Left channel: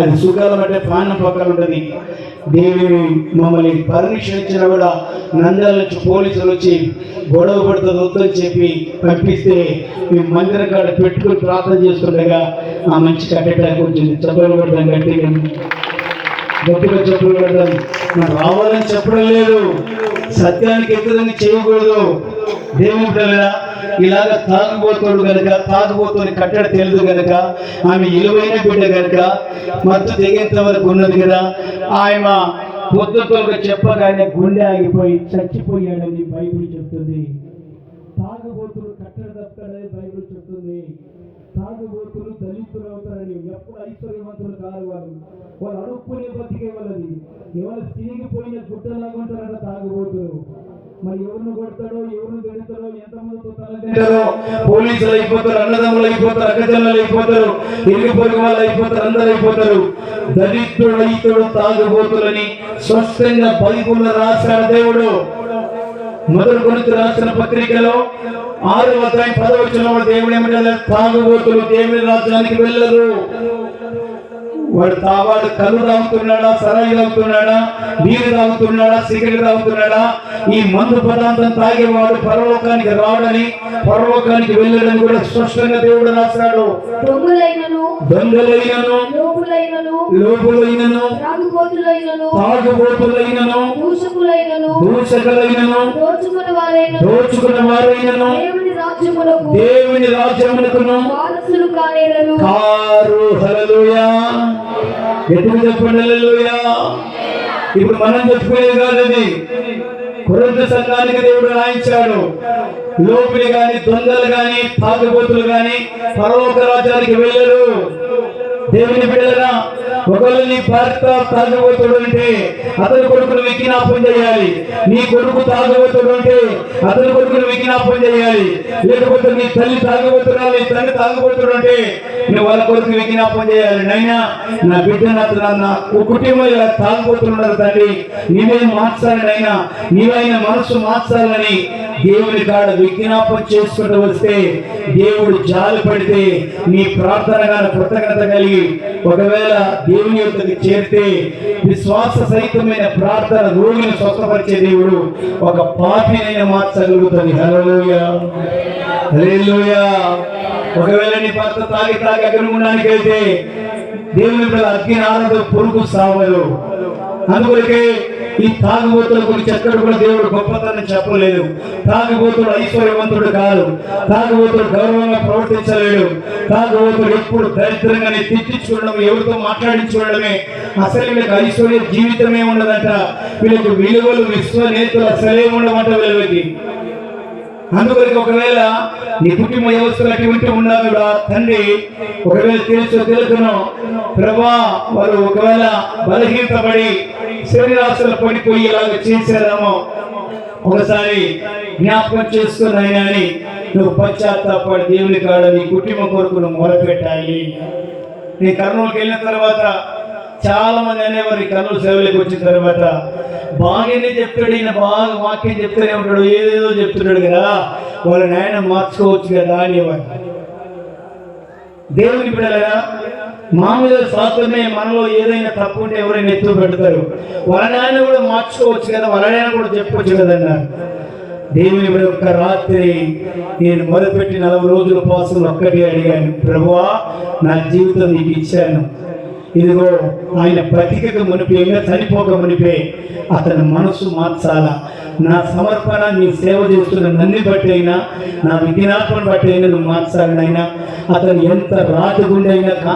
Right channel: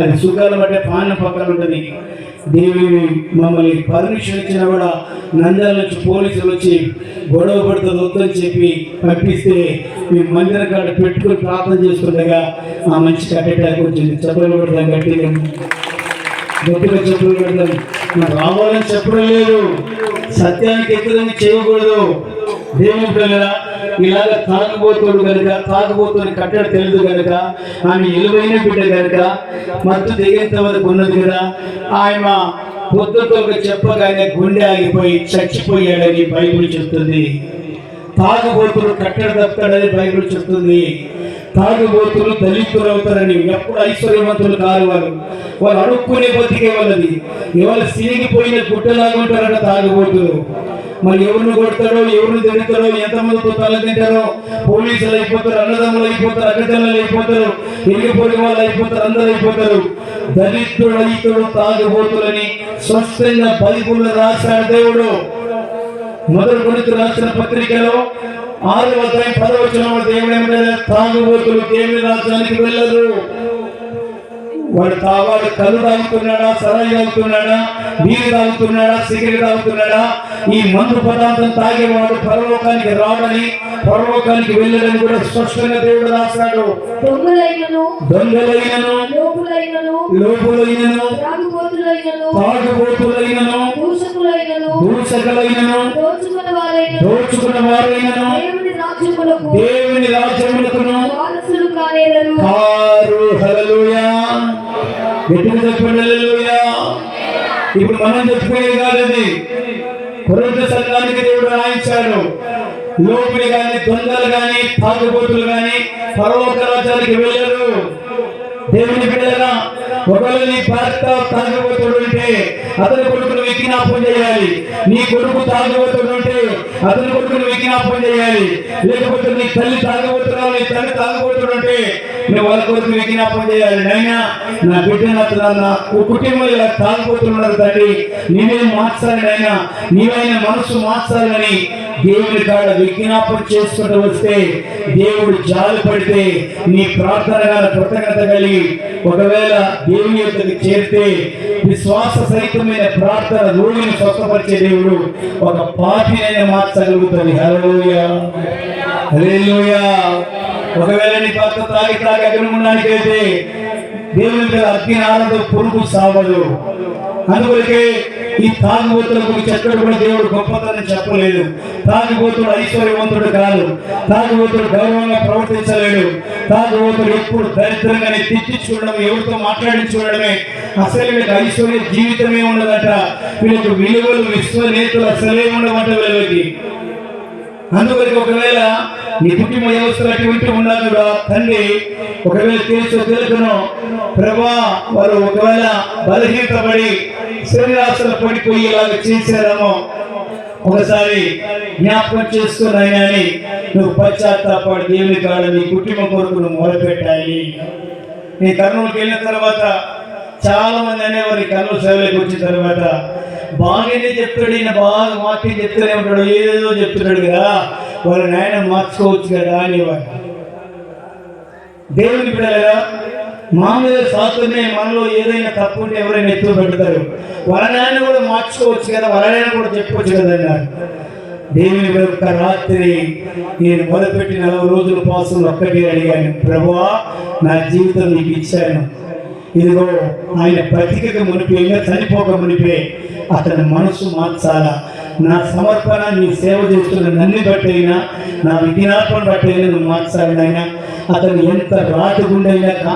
అది సుఖాలం అంటే పాన పక్కన ఉంటుంది. దేవి మమ్మల్ని పర్మిషన్ ఇచ్చినా కూడా నంద్యాల నుంచి పోలీసులు వచ్చి గొడవ పడుతుంది వద్దని చెప్పి పంపిస్తే మేము మందిరం కాడ పెట్టుకుని ప్రార్థన చేస్తుండగా ఆ మనిషి కట్టేటానికి వచ్చింది చెప్పలు పెడతాం గట్టి గట్టిగా చెప్పులు పెడతాం రావాలని చెప్పడం లేదు. సత్యానికి ఎదురని చేయకూడదు. దేవుడు పిల్లరా, ఇలాగ తాగుబోతుడు కనుక తాగుబోతుని కట్టడ తెలియదు కనుక ఆమె ఇలువైన బిడ్డ కనుక మత్తు దిగేంత వరకు ఉన్నది కదా ఆయన పొద్దుతో చెప్పగానే గుండె ఆగిపోయి చచ్చిపోయాడని బైబిల్ చెప్తుంది. తాగుబోతులు కట్టడ తప్పుతాడని బైబిల్ చెప్తుంది. తాగుబోతులు దళితులు అవుతారని ఎప్పుడు ఐశ్వర్యవంతులు కాదు వారు వాళ్ళు అడుక్కునే బతికే వాళ్ళది. ఇవాళ సిరిగిపోయిన గుట్టలాగా తాగుబోతులు. మరి ఎవరిని కొడతారో ఎవరిని తిడతారో ఎంతమంది పుత్రాలు తింటారో పోలీసులు అయిపోతారు అన్నదమ్ములు అయిపోతారు అక్కజనులు అయిపోతారు ఇరుగు పొరుగు వాళ్ళు అయిపోతారు అందరు అయిపోతారు. దళితుడు రైతుడు తాగుబోతులని స్పష్టంగా బైబుల్ రాశాడు దేవుడు. మొదటి గురించి రాసిన పత్రికలో ఆరు అధ్యాయం పదవచనం దేవుడు ఏమంటే తాగుబోతులు దేవుని రాజ్యానికి వెళ్ళరు వాడు తావాడు కళ్ళు తాగుతున్నాడా సరాయి తాగుతున్నాడా నీరు తాగుతున్నాడా సిగరెట్ తాగుతున్నాడా? ఈ మందు పదార్థం తాగేవాడు పరలోకానికి రావడని పరలోకానికి వెళ్ళడని కూడా స్పష్టంగా దేవుడు రాశాడు. దొంగలైనను లోపులైనను తాగుబోతులైనను దూషకులైనను దోచుకున్న వారైనను చెప్పండి ఇప్పుడు మనం చెప్పుకునే కాదది కొరంత సంఘానికి దేవుడు రాయించాడు. లోపులు గాని దొంగలు గాని తాగుబోతులు గాని పరలోక రాజ్యానికి వెళ్ళరు. దేవుని పిల్లలు ఒకవేళ నీ భర్త తాగుబోతుడు అంటే అతని కొడుకును విజ్ఞాపం చేయాలి. నీ కొడుకు తాగుబోతుడు అంటే అతని కొడుకును విజ్ఞాపం చేయాలి. లేకపోతే నీ తల్లి తాగుబోతురా నీ తల్లి తాగుబోతుడు అంటే నువ్వు వాళ్ళ కొడుకు విజ్ఞాపం చేయాలి. నైనా నా బిడ్డ నా కుటుంబంలో ఇలా తాగుబోతున్నారు తండ్రి. నీవే మార్చాలి నైనా. నీవైన మనసు మార్చాలని దేవుని కాడ విజ్ఞాపన చేసుకుంటూ వస్తే దేవుడు జాలి పడితే నీ ప్రార్థన కృతజ్ఞత కలిగి ఒకవేళ దేవుని యొక్కకి చేరితే విశ్వాస సహితమైన ప్రార్థన రోగిని స్వస్థపరిచే దేవుడు ఒక పాపినైనా మార్చగలుగుతుంది హల్లెలూయా. హల్లెలూయా. ఒకవేళ నీ భర్త తాగి తాగి అగ్నిగుండానికి వెళ్తే దేవుని అగ్ని ఆనందం పురుగు సావదు. అందువలకే ఈ తాగుబోతుల గురించి ఎక్కడ కూడా దేవుడు గొప్పతనం చెప్పలేదు. తాగుబోతుడు ఐశ్వర్యవంతుడు కాదు. తాగుబోతుడు గౌరవంగా ప్రవర్తించలేడు. తాగుబోతుడు ఎప్పుడు దరిద్రంగానే తిట్టించుకోవడం ఎవరితో మాట్లాడించుకోవడమే అసలు వీళ్ళకి ఐశ్వర్య జీవితమే ఉండదంట వీళ్ళకి విలువలు విశ్వనేతలు అసలే ఉండమంట వీళ్ళకి. అందుకొరకు ఒకవేళ నీ కుటుంబ వ్యవస్థలు అటువంటి ఉన్నా కూడా తండ్రి ఒకవేళ తెలుసు తెలుసును ప్రభా వారు ఒకవేళ బలహీనపడి శరీరాశలు పడిపోయి ఇలాగ చేశారేమో ఒకసారి జ్ఞాపకం చేసుకున్నాయి అని నువ్వు పశ్చాత్తాపడి దేవుని కాడ నీ కుటుంబం కొరకు నువ్వు మొదలుపెట్టాలి నీ కర్నూలుకి వెళ్ళిన తర్వాత చాలా మంది అనేవారు కర్నూలు సేవలకు వచ్చిన తర్వాత బాగానే చెప్తాడు ఈయన బాగా వాక్యం చెప్తూనే ఉంటాడు ఏదో చెప్తున్నాడు కదా. వాళ్ళ నాయన మార్చుకోవచ్చు కదా అనేవాడు దేవునికి పిల్లగా మామూలుగా శాస్త్రమే మనలో ఏదైనా తప్పు ఉంటే ఎవరైనా ఎత్తులు పెడతారు వాళ్ళ నాయన కూడా మార్చుకోవచ్చు కదా వాళ్ళ నాయన కూడా చెప్పవచ్చు కదా దేవుని యొక్క రాత్రి నేను మొదలుపెట్టి నలభై రోజుల కోసం ఒక్కటి అడిగాను ప్రభువా నా జీవితం నీకు ఇచ్చాను. ఇదిగో ఆయన బతికక మునిపే చనిపోక మునిపే అతని మనసు మార్చాలా? నా సమర్పణ నీ సేవ చేస్తున్న నన్ను బట్టి అయినా నా విజ్ఞాపన బట్టి అయినా నువ్వు మార్చాలనైనా అతను ఎంత రాతి గుండైనా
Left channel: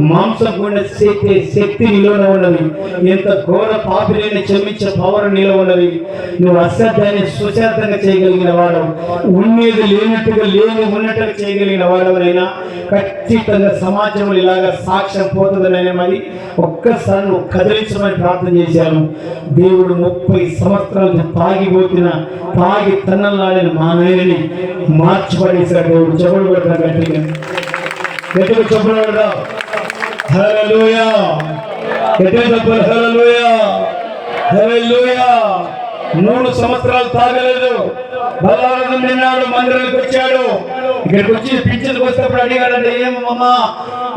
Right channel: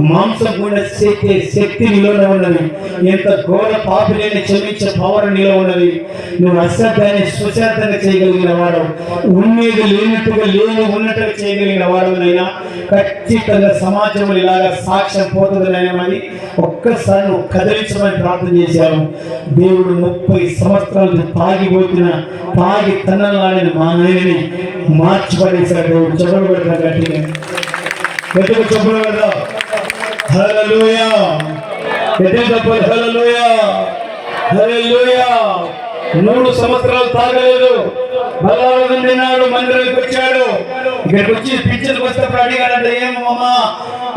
మాంసం గుండె శక్తి శక్తి నిలవ ఉన్నది. ఎంత ఘోర పాపులైన క్షమించే పవర్ నిలవ ఉన్నది. నువ్వు అశ్రద్ధాన్ని సుశ్రద్ధంగా చేయగలిగిన వారు ఉన్నది లేనట్టుగా లేని ఉన్నట్టుగా చేయగలిగిన వాడు ఖచ్చితంగా సమాజంలో ఇలాగ సాక్ష్యం పోతుందనైనా మరి ఒక్కసారి నువ్వు కదిలించమని ప్రార్థన చేశాను. దేవుడు ముప్పై సంవత్సరాలు పాగిపోతున్న తాగి తనలాడిన మా నాయనని మార్చిపడేశాడు దేవుడు. చెవులు పెడతాడు గట్టిగా గట్టిగా చెప్పులు పెడతాం చెప్పాలి హల్లెలూయా. హల్లెలూయా. మూడు సంవత్సరాలు తాగలేదు. బలవారం తిన్నాడు మందిరానికి వచ్చాడు. ఇక్కడికి వచ్చి పిక్చర్కి వస్తే అడిగాడంటే ఏం అమ్మా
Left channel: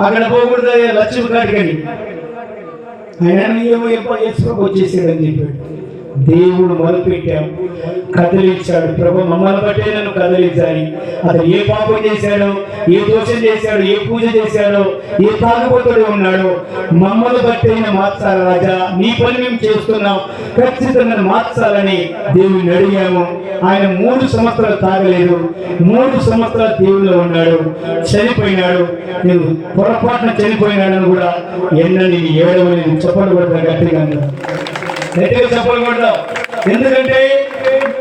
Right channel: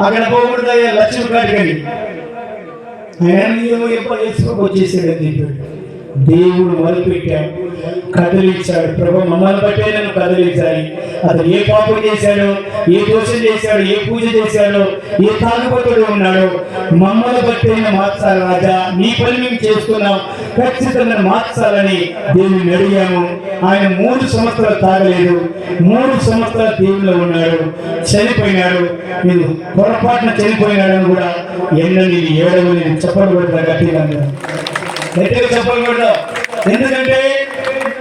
అక్కడ పోకూడదు అయ్యా లక్ష్మి కాడికని ఆయన ఎప్పుడు వేసుకోక వచ్చేసాడని చెప్పాడు. దేవుడు మొదలుపెట్టాం కదిలించాడు. ప్రభు మమ్మల్ని బట్టే నన్ను కదిలించాలి అతను ఏ పాపం చేశాడో? ఏ దోషం చేశాడో? ఏ పూజ చేశాడో? ఏ తాగుబోతుడు ఉన్నాడో? మమ్మల్ని బట్టే మార్చాలి రాజా. నీ పని మేము చేస్తున్నాం. ఖచ్చితంగా మార్చాలని దేవుని అడిగాము. ఆయన మూడు సంవత్సరాలు తాగలేదు. మూడు సంవత్సరాలు దేవుల్లో ఉన్నాడు. చనిపోయినాడు. నేను పొరపాటున చనిపోయినాడని కూడా ఎన్నని ఏడవలేదు చెప్పలు కూడా గట్టిగా గట్టిగా చెప్పలు కూడా ఎందుకంటే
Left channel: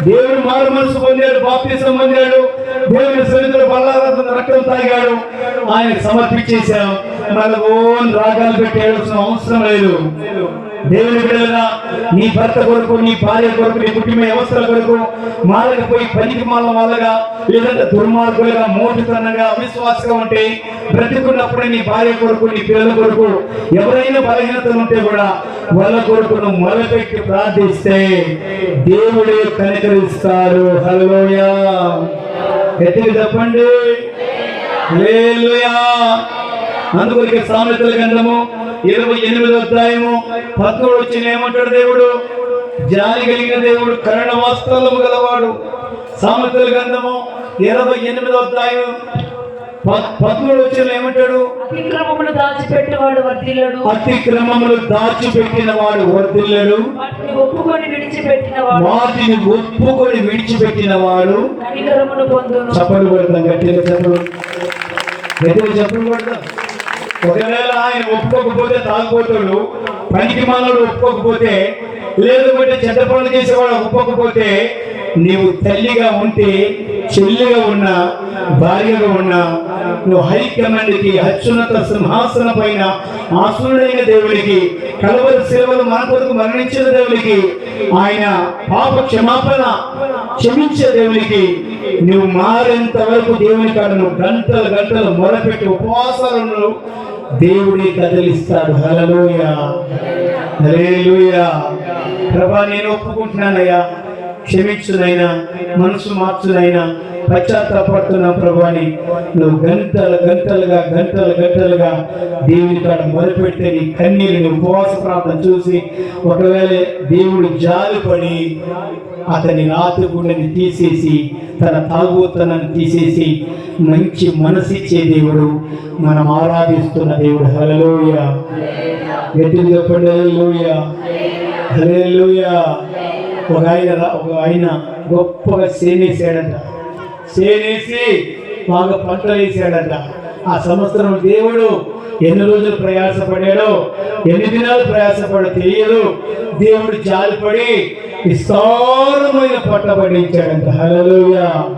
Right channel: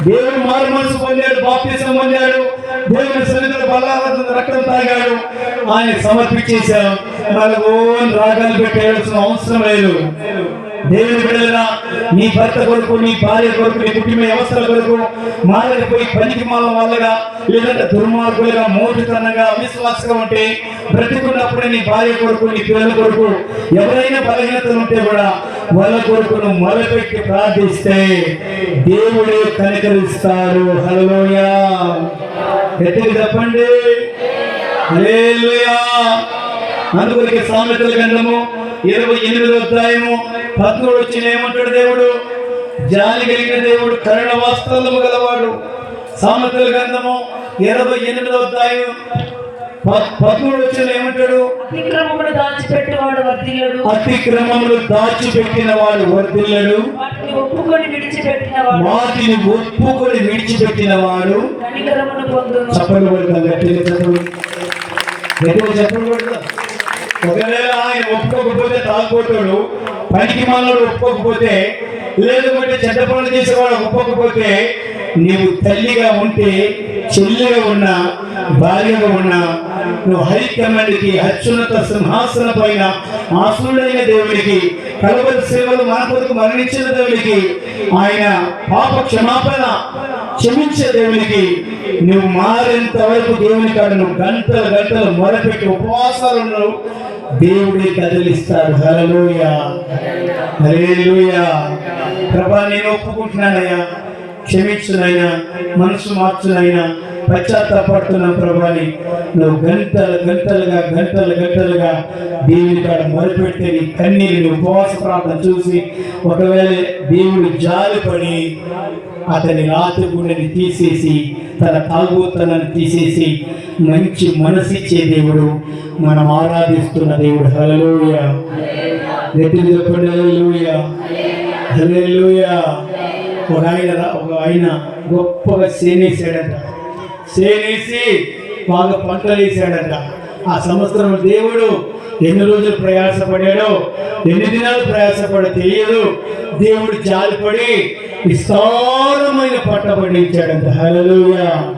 దేవుడు మారు మనసు పొందాడు బాప్తిసం పొందాడు దేవుని సన్నిధిలో బలాలను రక్తం తాగాడు. ఆయన సమర్పించేశాం మళ్ళీ ఓన్ రాగాలు పెట్టేయాల్సిన అవసరం లేదు. దేవుని బిడ్డలుగా నీ భర్త కొరకు నీ భార్య కొరకు నీ కుటుంబ వ్యవస్థల కొరకు మాలకపోయి పనికి మాల వాళ్ళగా లేదంటే దుర్మార్గులుగా మోటుతనంగా అవిశ్వాసంగా ఉంటే బ్రతికున్నప్పుడే నీ భార్య కొరకు నీ పిల్లల కొరకు ఎవరైనా బలహీనతలు ఉంటే కూడా వాళ్ళ కొరకు మొదలుపెట్టి ప్రార్థిస్తే దేవుడే కనికరిస్తారు. హలోయా ఎత్తికి చెప్పండి హల్లెలూయా. సామెతల గ్రంథము ఇరవై ఎనిమిది అధ్యాయము పద్మూడు వచ్చిన ఏమంటాడు దేవుడు? జాలి కలిగిన దేవుడు కరుణ వాస్తవము గలవాడు. సామెతల గ్రంథము ఇరవై ఎనిమిది అధ్యాయం పద్మూడు వచ్చిన ఏమంటాడు? అతిక్రమమును దాచిపెట్టేవాడు వర్ధిల్లడు. అతిక్రమములు దాచిపెట్టిన వాడు వర్తిల్లడు వాటిని ఒప్పుకొని విడిచిపెట్టినవాడు. వాటిని ఒప్పుకొని విడిచిపెట్టిన వాడు చప్పలు కొడతాం గట్టిగా చప్పలు గట్టిగా చప్పలు కొడతాం. ఒకవేళ ఆయన ఒప్పుకోకపోతే తాగుపోతాడు పనికి మనోడు ఒప్పుకోకపోతే లేకపోతే చెడ్డ పనులు చేసేవాడు ఒప్పుకోకపోతే నీవు తల్లిగా ఉంటే చెల్లిగా ఉన్నా భార్యగా ఉన్నా నువ్వు హైకమాండ్కి అత్యున్నత సింహాసన పైన ఆసురుడైన దేవుడికి కలవరి సేవలు మన కొరకు మరణించిన దేవుడికి ఆయన పాప క్షమాపణ క్షమించే దేవునికి నువ్వు మారేంత వరకు దేవుని కాడ నువ్వు గంటలు గంటలు మొరపెట్టి ఉపవాసాలను దేవుడి కదిలిస్తాడు. హలలోయ హలేలుయ ప్రభా నేను ఒప్పుకుంటున్నానయ్యా. క్షమించునైనా మనసు మార్చునైనా పశ్చాత్తాపడుతున్న ప్రభాని నువ్వు గంటలు గంటలుగా గంటలు గంటలుగా దేవుని కాడ మొదలుపెడితే నీ కన్నీరు ఉపవాస ప్రార్థన చూసి ఒకవేళ దేవుడు జాలిపడి అతని రాత్రి గుండెని తీసేసి తన తాగుతనని తీసేసి మంచి మనసిచ్చే దేవుడు మనం ఆరాధిస్తున్న దేవుడు. హలోయ ఎత్తులు చెప్పండి హలోయ హలోయ ఒక ఆయన ఒక ఆయన గొప్పగా సేనేసాడంట సేనేసి బాగా పంటలు వేసాడంట ఆ సంవత్సరం దేవుడు ఎన్ని రోజులు ప్రయాసపడాడో ఎన్ని దినాలు ప్రయాసపడో తెలియదు. దేవుడు జాలిపడి విస్తారమైన పంట పండించాడంట. హల్లెలూయా.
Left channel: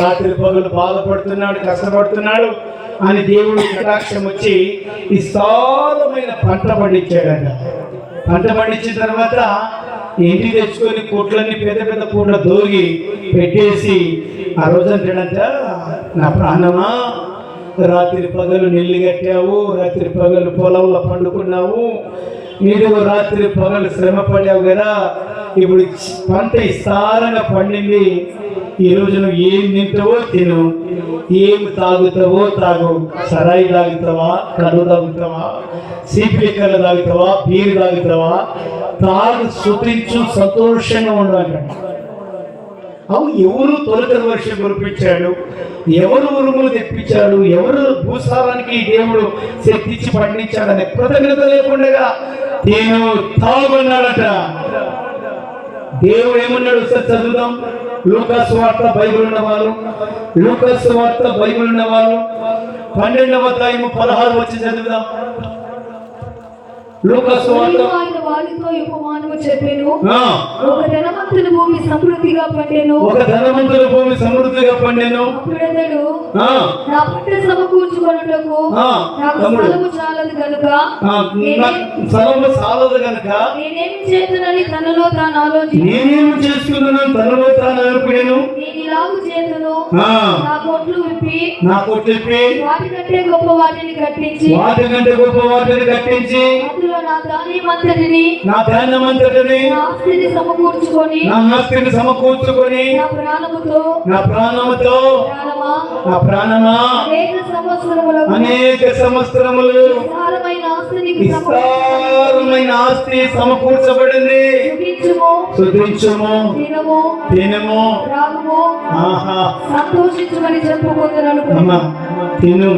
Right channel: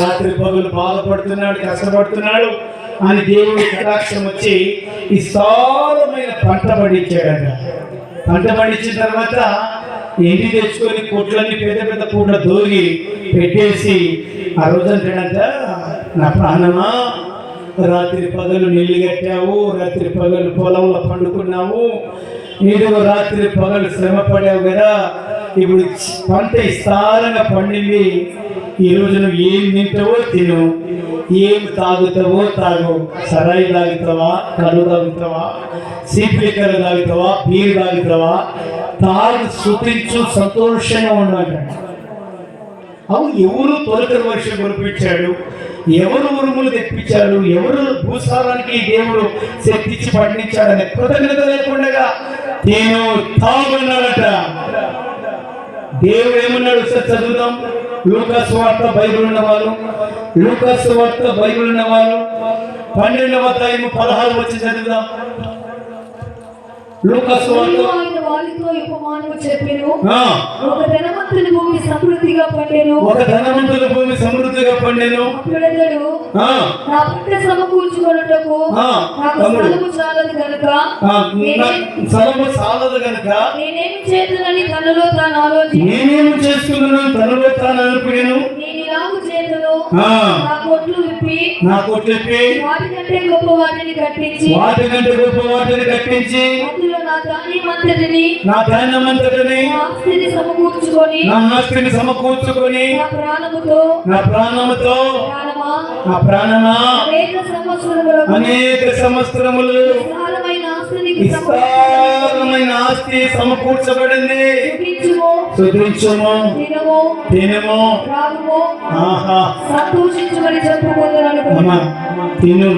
రాత్రి పగులు బాధపడుతున్నాడు కష్టపడుతున్నాడు అని దేవుడు కటాక్షం వచ్చి విస్తారమైన పంట పండించాడంట. పంట పండించిన తర్వాత ఎండి తెచ్చుకొని కొట్లన్నీ పెద్ద పెద్ద పూట దోగి పెట్టేసి ఆ రోజు అంటాడంట నా ప్రాణమా? రాత్రి పగలు నీళ్ళు కట్టావు రాత్రి పగలు పొలంలో పండుకున్నావు నీడు రాత్రి పగలు శ్రమ పడావు కదా? ఇప్పుడు పంట విస్తారంగా పండింది. ఈ రోజు నువ్వు ఏం తింటావో తిను. ఏం తాగుతావో తాగు. సరాయి తాగుతావా? కళ్ళు తాగుతావా? సీపిలిక్కలు తాగుతావా? బీరు తాగుతావా? తాను శుతించు సంతోషంగా ఉండాలి. అవును ఎవరు తొలకరి వర్షం కురిపించాడు ఎవరు ఉరుములు తెప్పించాడు? ఎవరు భూసారానికి దేవుడు శక్తించి పండించాడని కృతజ్ఞత లేకుండా నేను తాగున్నారట దేవుడు ఏమన్నాడు? సార్ చదువుదాం. లూకాస్ వార్త బైబిల్ ఉన్న వాళ్ళు లూకాస్ వార్త బైబిల్ ఉన్న వాళ్ళు పన్నెండవ అధ్యాయం పదహారు వచ్చి చదువుదాం. లూకాస్ వార్త. చెప్పెను. ఆ, ఒక ధనవంతుని భూమి సమృద్ధిగా పండెను. ఒక ధనవంతుల భూమి సమృద్ధిగా పండాను. అప్పుడతడు ఆ, నా పంట సమకూర్చుకొనుటకు ఆ, నాకు తమ్ముడు. స్థలము చాలదు కనుక నా స్థలము సాలదు కనుక నేనేమి చేతునని తనలో తాను ఆలోచించి నేనేం చేస్తున్నాను తనలో తాను అనుకునేను నేను ఇలాగు చేతును ఆ, నా కొట్లు విప్పి నాకు చెప్పి వాటికంటే గొప్ప వాటిని కట్టించి వాటి కంటే గొప్ప వాటిని కట్టించి నా ధాన్యమంతటిని నా ధాన్యమంతటిని నా ఆస్తిని సమకూర్చుకొని నా ఆస్తిని సమకూర్చుకొని నా ప్రాణముతో నా ప్రాణముతో ప్రాణమా? నా ప్రాణమా? అనేక సంవత్సరములు ఆస్తిని విస్తారమైన ఆస్తి సమకూర్చబడింది. సుధించుము తినము సంతోషించమని తిను.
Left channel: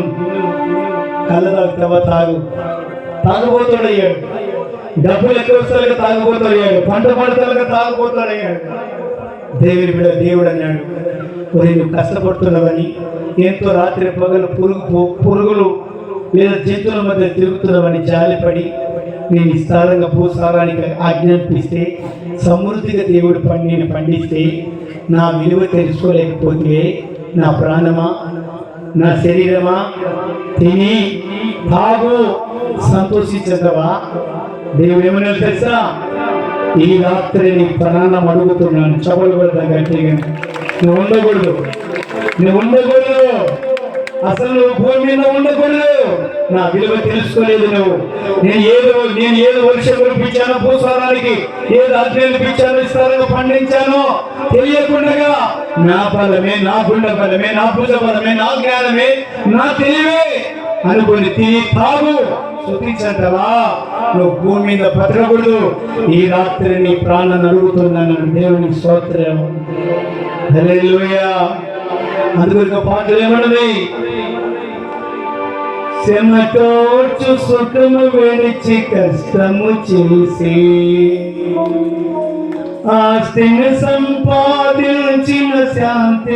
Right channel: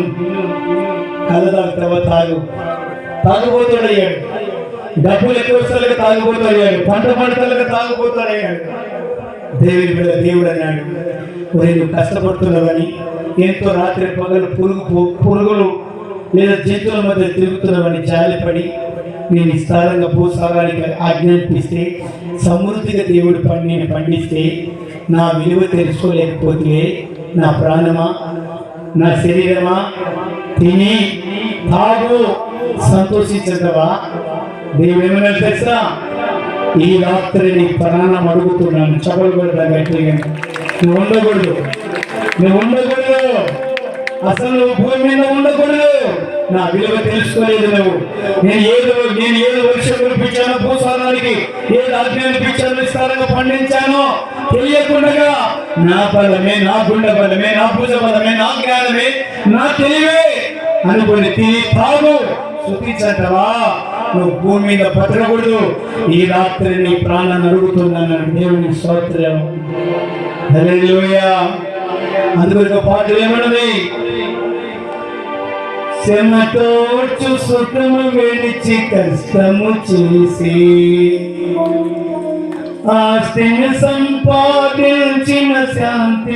తాగు. తాగుబోతాడయ్యాడు డబ్బులు ఎక్కువ వస్తాలకు తాగుబోతాడయ్యాడు పంట పంటలకు తాగుబోతాడయ్యాడు దేవుడి బిడ్డ దేవుడు అన్నాడు. ఒరే నువ్వు కష్టపడుతున్నావని ఎంతో రాత్రి పగలు పురుగు పురుగులు లేదా జంతువుల మధ్య తిరుగుతున్నావని జాలిపడి నేను విస్తారంగా భూసారానికి ఆజ్ఞాపిస్తే సమృద్ధిగా దేవుడు పండి నేను పండిస్తే నా విలువ తెలుసుకోలేకపోతే నా ప్రాణమా? నా శరీరమా? తిని తాగు సంతోషించదవా దేవుడేమైనా తెలుసా? ఈ రాత్రి నీ ప్రాణం అడుగుతున్నాను. చపలు పెడతా గట్టిగా నువ్వు ఉండకూడదు. నువ్వు ఉండకూడదు. అసలు నువ్వు భూమి మీద ఉండకూడదు. నా విలువ తెలుసుకోలేదు నువ్వు. నేను ఏదో నేను ఏదో వర్షం కురిపించాను భూసారానికి ఏదో అజ్ఞానం పిచ్చాను విస్తారంగా పండించాను. తెలియకుండా నా బలమే నా గుండె బలమే నా పూజ బలమే నా జ్ఞానమే నా తెలివే. అనుకుని తిని తాగు. శుద్ధించంటవా? నువ్వు భూమి మీద పట్టకూడదు. ఈ రాత్రి నీ ప్రాణం అడుగుతున్నాను దేవుని స్తోత్రం. హల్లెలూయా. అందుకొక పాటలు ఏమన్నది చెమటోడ్చు సుఖము విడిచి కష్టము చేసి ఆస్తిని సంపాదించిన శాంతి